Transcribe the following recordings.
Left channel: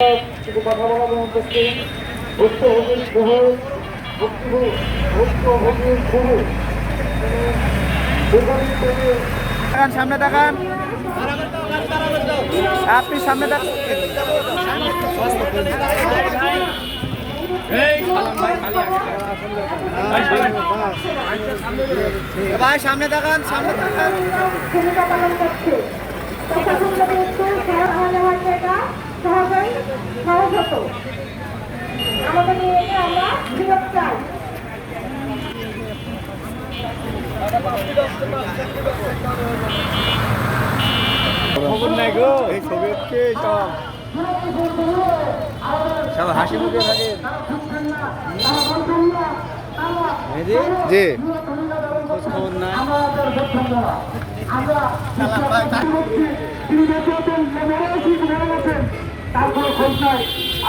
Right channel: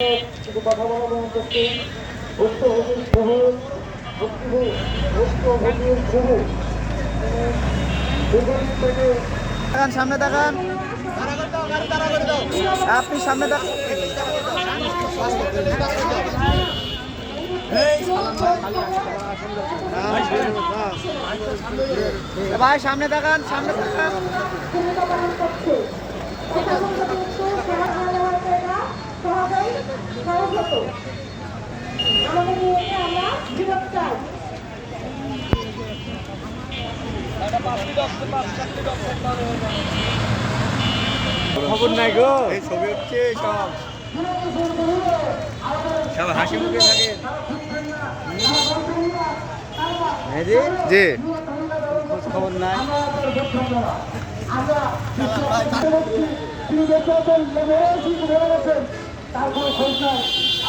কিছু কথা বলার করতে ভুক্তভোগীর সহ ভুক্তভোগীর সহ সামনে দেখান, আপনি সামনে দেখান, ভাই সামনে দেখান, সামনে দেখান। খবর নাই গো, এই ছবি হচ্ছে সব হাসি মুখে থাকে। জি খবর না তারপরে খোঁজ নাই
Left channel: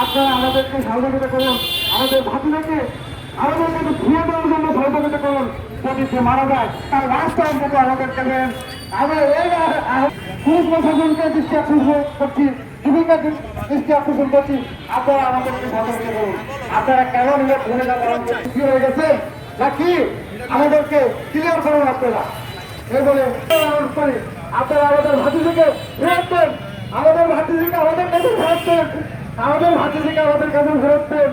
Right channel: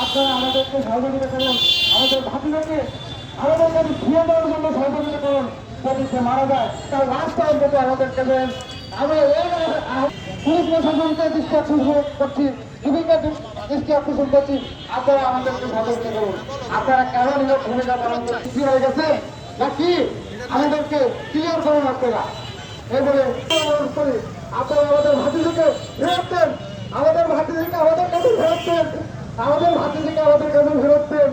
আপনারা আমাদেরকে সহযোগিতা করুন, আমাদের ভাতিজাকে আমাদের ধুয়ে দেওয়ার জন্য সহযোগিতা করুন। যদি সে মারা যায় তার রাস্তার মতো আমাদেরকে দেন। আমরা পুলিশ প্রশাসনকে দৃষ্টি আকর্ষণ করছি, বিভিন্ন দৃষ্টি আকর্ষণ করছি, আপনারা আমাদেরকে সহযোগিতা করুন। আপনারা কেন নিজের ভূমিকা পালন করতে কি হয়ে গেছে নাকি আমাদেরকে ক্লিয়ার করুন। আপনারা এই বলে অনুরোধ করি, আপনারা আমাদের ভাতিজাকে ফেরত দেন, আমাদের ভাতিজিকে আমাদের কাছে ফেরত দেন, আমাদের ভাতিজিকে আমাদের কাছে ফেরত দেন।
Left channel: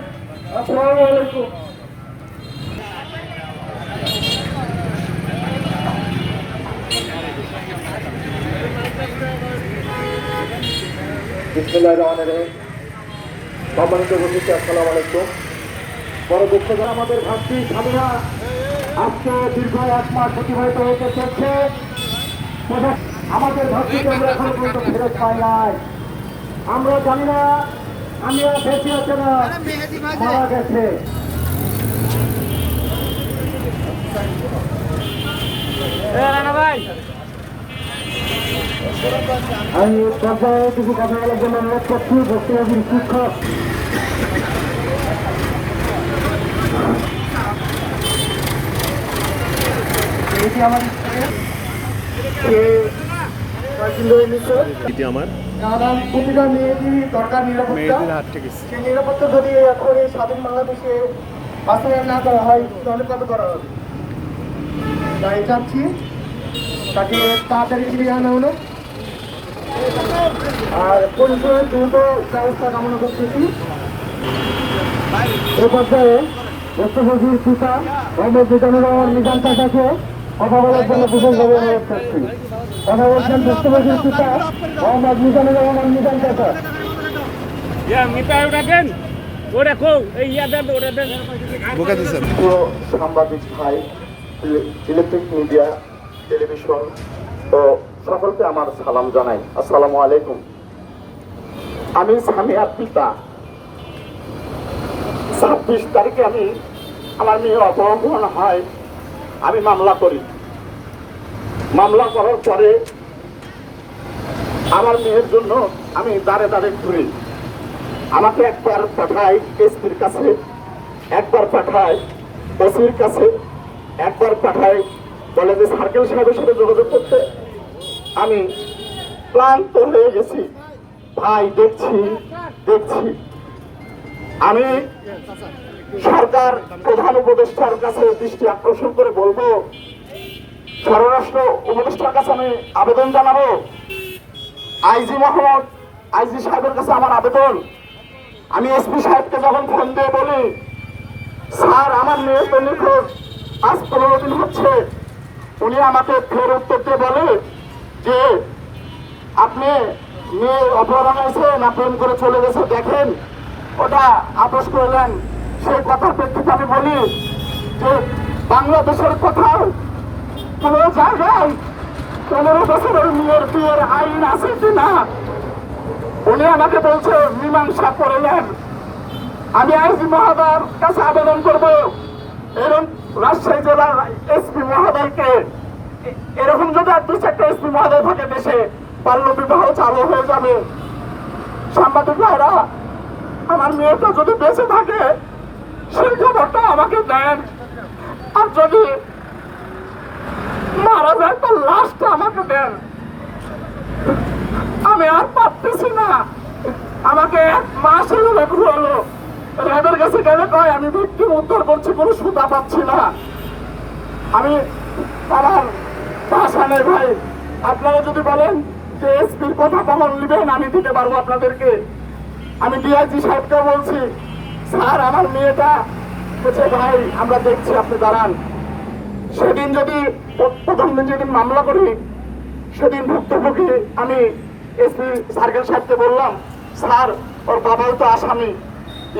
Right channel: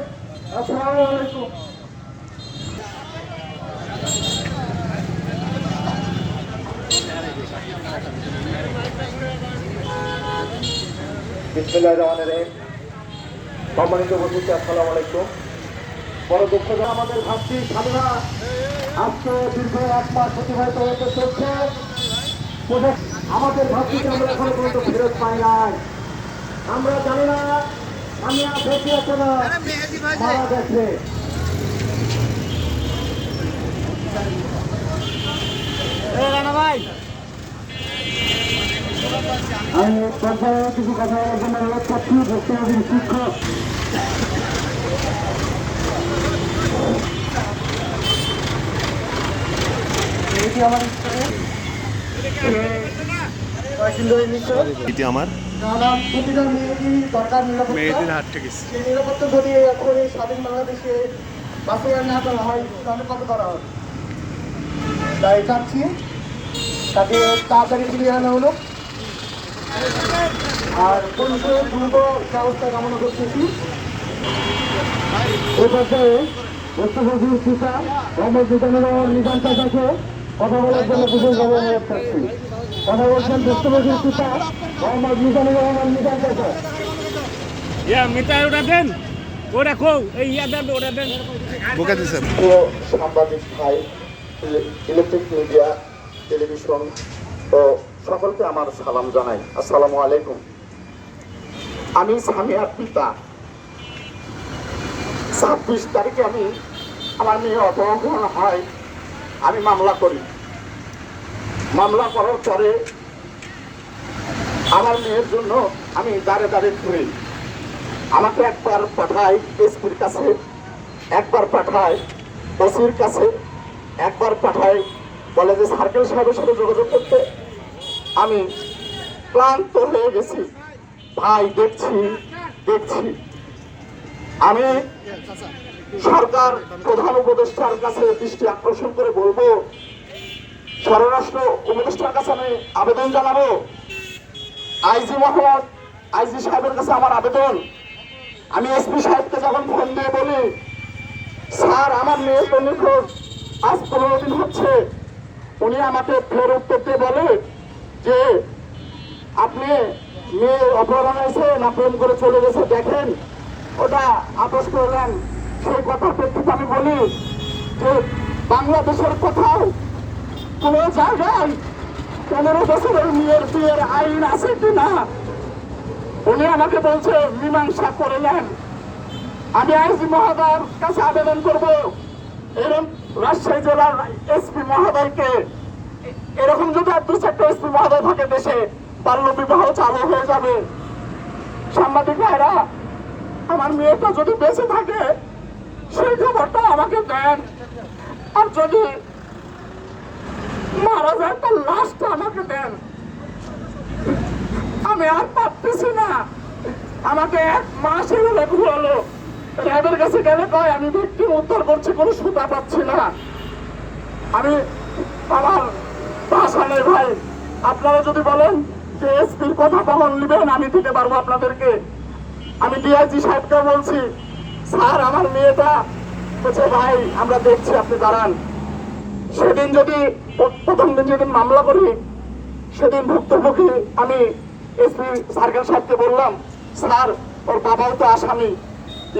আসসালামু আলাইকুম। বিসমিল্লাহির রহমানির রহিম। সম্মানিত উপস্থিতি, আসসালামু আলাইকুম। বড় দুঃখ যে আমাদের ভাতৃ সাধনা আজকে দীর্ঘ 1 মাস অতিবাহিত হতে চলছে। আমাদের ভাতৃকে আমরা এখন পর্যন্ত ফেরত পাই নাই। আমরা জানি না আমরা বেঁচে আছে না মারা গেছে। আমি কিছু কথা বলার জন্য অনুরোধ করছি ভক্তবাদীর শিক্ষক এটি আমার প্রতিটা মেয়েরই দরকার নিরাপত্তা। সেই নিরাপত্তা যদি এখন এই স্বাধীন বাংলাদেশে বাস্তবায়ন না করা হয় তাহলে কত করা হবে? তাই চাচ্ছি তাকে তাড়াতাড়ি ফিরিয়ে আনা হলো আর পরিষেবার দ্রুত ব্যবস্থা কামনা করতেছি। এই পর্যায়ে ভক্তভোগীর পিতা মোহাম্মদ মিজানুর রহমান মিজান চাচাকে কথা বলার জন্য বিশেষভাবে অনুরোধ করছি। কথা বলছেন ভক্তভোগীর পিতা মোহাম্মদ মিজানুর রহমান মিজান চাচা। সাংবাদিক ভাই, ইলেকট্রিক মিডিয়া, টেলিভিশন ও সকলকে আমার সালাম জানাই। আসসালামু আলাইকুম। আমি সামিয়ার পিতা। 26 তারিখে আমার মেয়ে অপহরণ হয়, আমি মামলা করি। মামলা করার পরে আমার মেয়ের জন্য আমি দাঁড়ে দাঁড়ে ঘুরি। আমাকে একবার পাঠায় এসপির কাছে, একবার পাঠায় ওসির কাছে, একবার পাঠায় বলে যে সার্কেল সাহেবের সাথে যোগাযোগ করতে। আমি ক্লান্ত হয়ে গেছি ভাই, দেখছি আমি সরকার প্রধান উপদেষ্টার কাছে দৃষ্টি আকর্ষণ করে বলবো, স্বরাষ্ট্র উপদেষ্টার কাছে আমি আবেদন জানাবো, আইজি সাহেবের কাছে আমার আবেদন। আমি এসপি সাহেবকে যখন ফোন দিয়ে বলি, স্যার আমার মেয়ে তো নিখোঁজ, আজ 15 দিন হচ্ছে, উনি আমাকে ফের উত্তর দিয়ে বলে যে আপনি মেয়ে অপহরণ হয়েছে না প্রেম করে চলে গেছে দেখেন, ওটা আপোষ করলেন। সেই কথার প্রেক্ষিতে আমি বলি যে বাংলাদেশের কোথাও কোনো জায়গায় 15 বছরের মেয়ের বিয়ের আইন আছে কিনা? উনি আমাকে বলছে মীমাংসা করে নেন। আমি আইজি মহোদয়ের কাছে আবেদন করব, এরকম রাজশাহী জেলার এসপি মহোদয়কে, এরকম যদি 2-4টা এসপি মহোদয় থাকে দেশে, বাল্য বিবাহ চালু হয়ে যাবে। সাংবাদিক ভাইরা, আমার মেয়েটা যদি বেঁচে থাকে সেই খবরটা আমাকে দেন, আর যদি মারা যায় তার লাশটা আমাকে দেন। আমি আর পারতেছি না। আমাকে 1 মাস হলো র্যাবের কাছে গেলে কয় আমি ভিকটিম উদ্ধার করছি, কোনো সুতা পাচ্ছি না। আমি আমার ভাষা নেই ভাই, আপনারা যদি বলেন যে এসপির কথা কখন নেবেন আমি দিতে পারবো আপনাদেরকে। আমি ডিআইজি সাহেবকে বলছি, স্যার আমার মেয়েটা বলছে ভাই আমরা দেখছি, আপনি দাঁড়ান। সেদিন যদি প্রথম দিন যেদিন মামলা করি সেদিন ভুক্তভোগী আমি এসপি সার্কেল সাহেবকে বললাম, স্যার ওর বাবাও তো আসামি,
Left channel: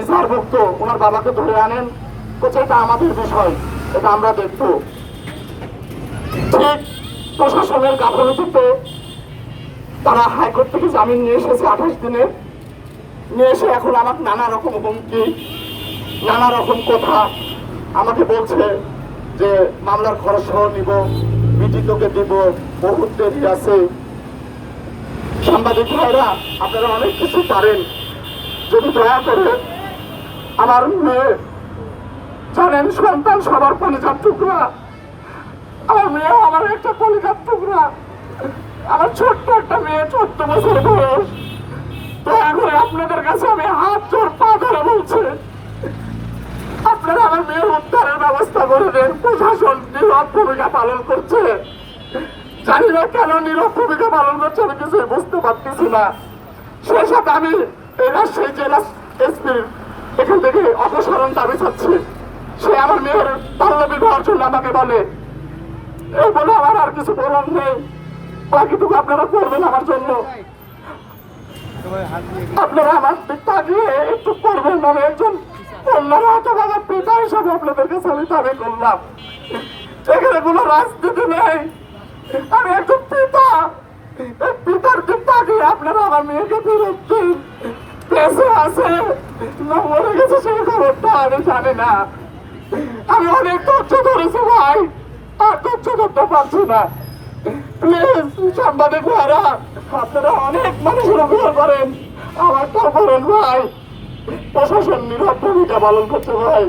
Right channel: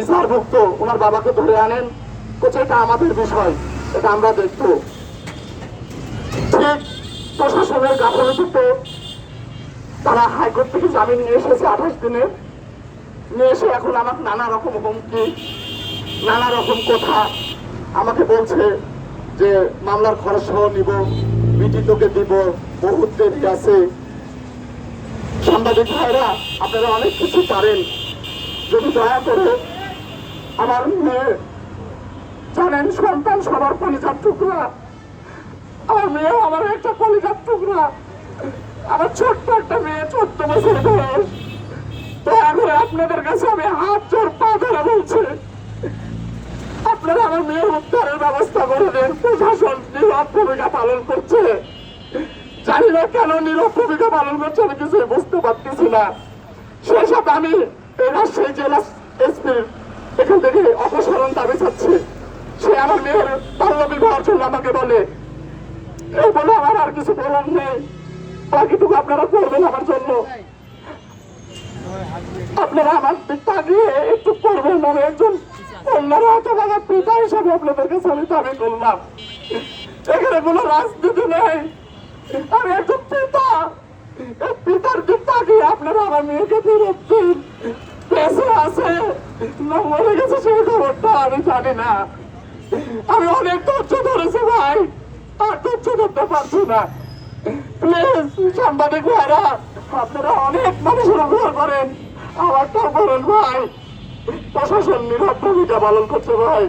ইজাহারভুক্ত, ওনার বাবাকে ধরে আনেন। বলছে এটা আমাদের বিষয়, এটা আমরা দেখবো। ঠিক প্রশাসনের গাফলতিতে তারা হাইকোর্ট থেকে জামিন নিয়ে এসেছে 28 দিনে, নিয়ে এসে এখন আমাকে নানা রকম হুমকি, নানা রকম কথা আমাকে বলছে যে মামলার খরচ সহ নিব, বিটি তোকে দিব, বহুত দেরি আছে। সাংবাদিক ভাইরা আপনারা অনেক কিছু পারেন, যদি দয়া করে আমার মেয়ে, জানেন সন্তান সবার কলিজার টুকরা, আমার মেয়েও আমার একটা কলিজার টুকরা। আমার ছোট্ট একটা মেয়ে, 14 বছর বয়স। দয়া করে আপনাদের কাছে আমি হাত জোর পা ধরে বলছি, আপনারা আমার মেয়ের উদ্ধারের ব্যবস্থা করে দেন। প্রশাসন নীরব ভূমিকা পালন করছে, জানি না কেন নীরব ভূমিকা পালন করছে, আমি কিছু বুঝতে পারতেছি না। সেই সাথে আমি এই রাজশাহী জেলা এসপির এখান থেকে অপসারণ দাবি চাচ্ছি। সে আমার মেয়ের বাল্য বিবাহের জন্য আমাকে বলে, এই বলে আমার আর কিছু বলার নেই, বাকিটুকু আপনারা করবেন আমার জন্য। আপনারা আমার দিক তাকিয়ে একটু করবেন, আমি একজন কন্যার হতভাগা পিতা হিসাবে আপনাদের কাছে আমি দাবি করলাম। এখানে কোনো রাজনীতি নেই, আমি একজন পিতা, এই পিতার দিক তাকিয়ে আপনারা আমার মেয়েকে ফেরত দিন। বেঁচে আছে না মরে গেছে সেই খবরটা আমি জানি না। আমি অনেক ধৈর্য ধরেছি ভাই, আর ধৈর্য ধরতে পারছি না। প্লিজ সাংবাদিক ভাইরা, আপনারা অনেক মানুষের অভিযোগ করেন, আমারটাও করেন ভাই। প্রশাসন নীরব ভূমিকা পালন করছে ভাই,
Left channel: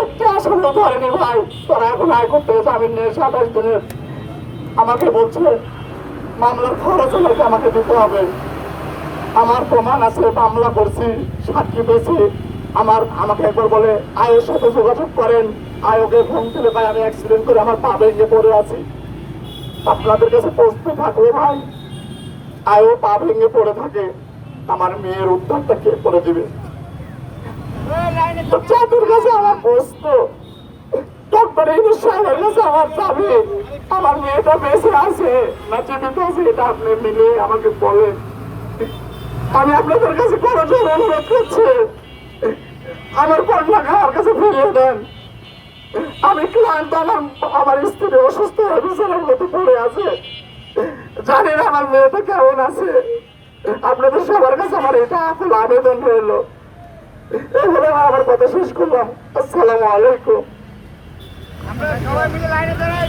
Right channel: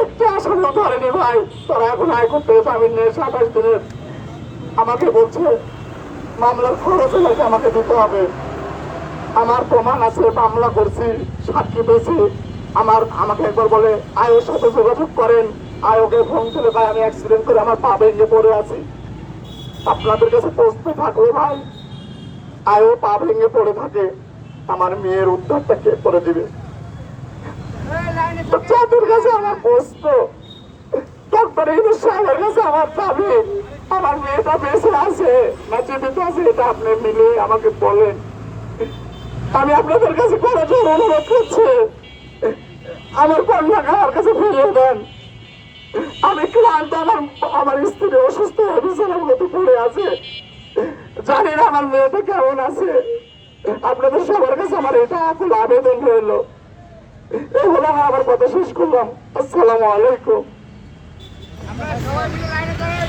একটি আসামি ধরেনি ভাই। তারা এখন হাইকোর্ট থেকে জামিন নিয়ে 27 দিনের আমাকে বলছে মামলার খরচ নাকি আমাকে দিতে হবে। আমার প্রমাণ আছে, মামলা করছি, সাক্ষী পেয়েছি। আমাকে একবার বলে আয়োর সাথে যোগাযোগ করেন, আয়োগে ফোন করে ভাই আমি অ্যাক্সিডেন্ট করে আমার পা ভেঙে পড়ে আছি। আপনাদের কাছে প্রশ্ন থাকলে ভাই, আয়ও পা ভেঙে পড়ে থাকে, আমার মেয়ের উদ্ধারটা কে করে দিবে? যাদের কাছে আমার প্রশ্ন, ডক্টর ইউনূস সাহেবের কাছে আমার দাবি, আমার মেয়েটা বেঁচে আছে না জীবিত আছে, এটা আপনি মিলিয়ে আমাকে বলেন। আমি আপনাদের কাছে করজোর অনুরোধ করছি, আমার কন্যাকে আমার কাছে ফিরিয়ে দেন। আমি ক্লান্ত, আমার স্ত্রী অসুস্থ হয়ে বিছানার মতো পড়ে আছে, জানি না আমার মেয়েটা কেমন আছে। আপনাদের সবার কাছে আমার এটা আকুল আবেদন রইল। এই বলে আমার কথা শেষ করলাম। আসসালামু আলাইকুম। আমরা সবাই মিলে লাইনে দাঁড়াই।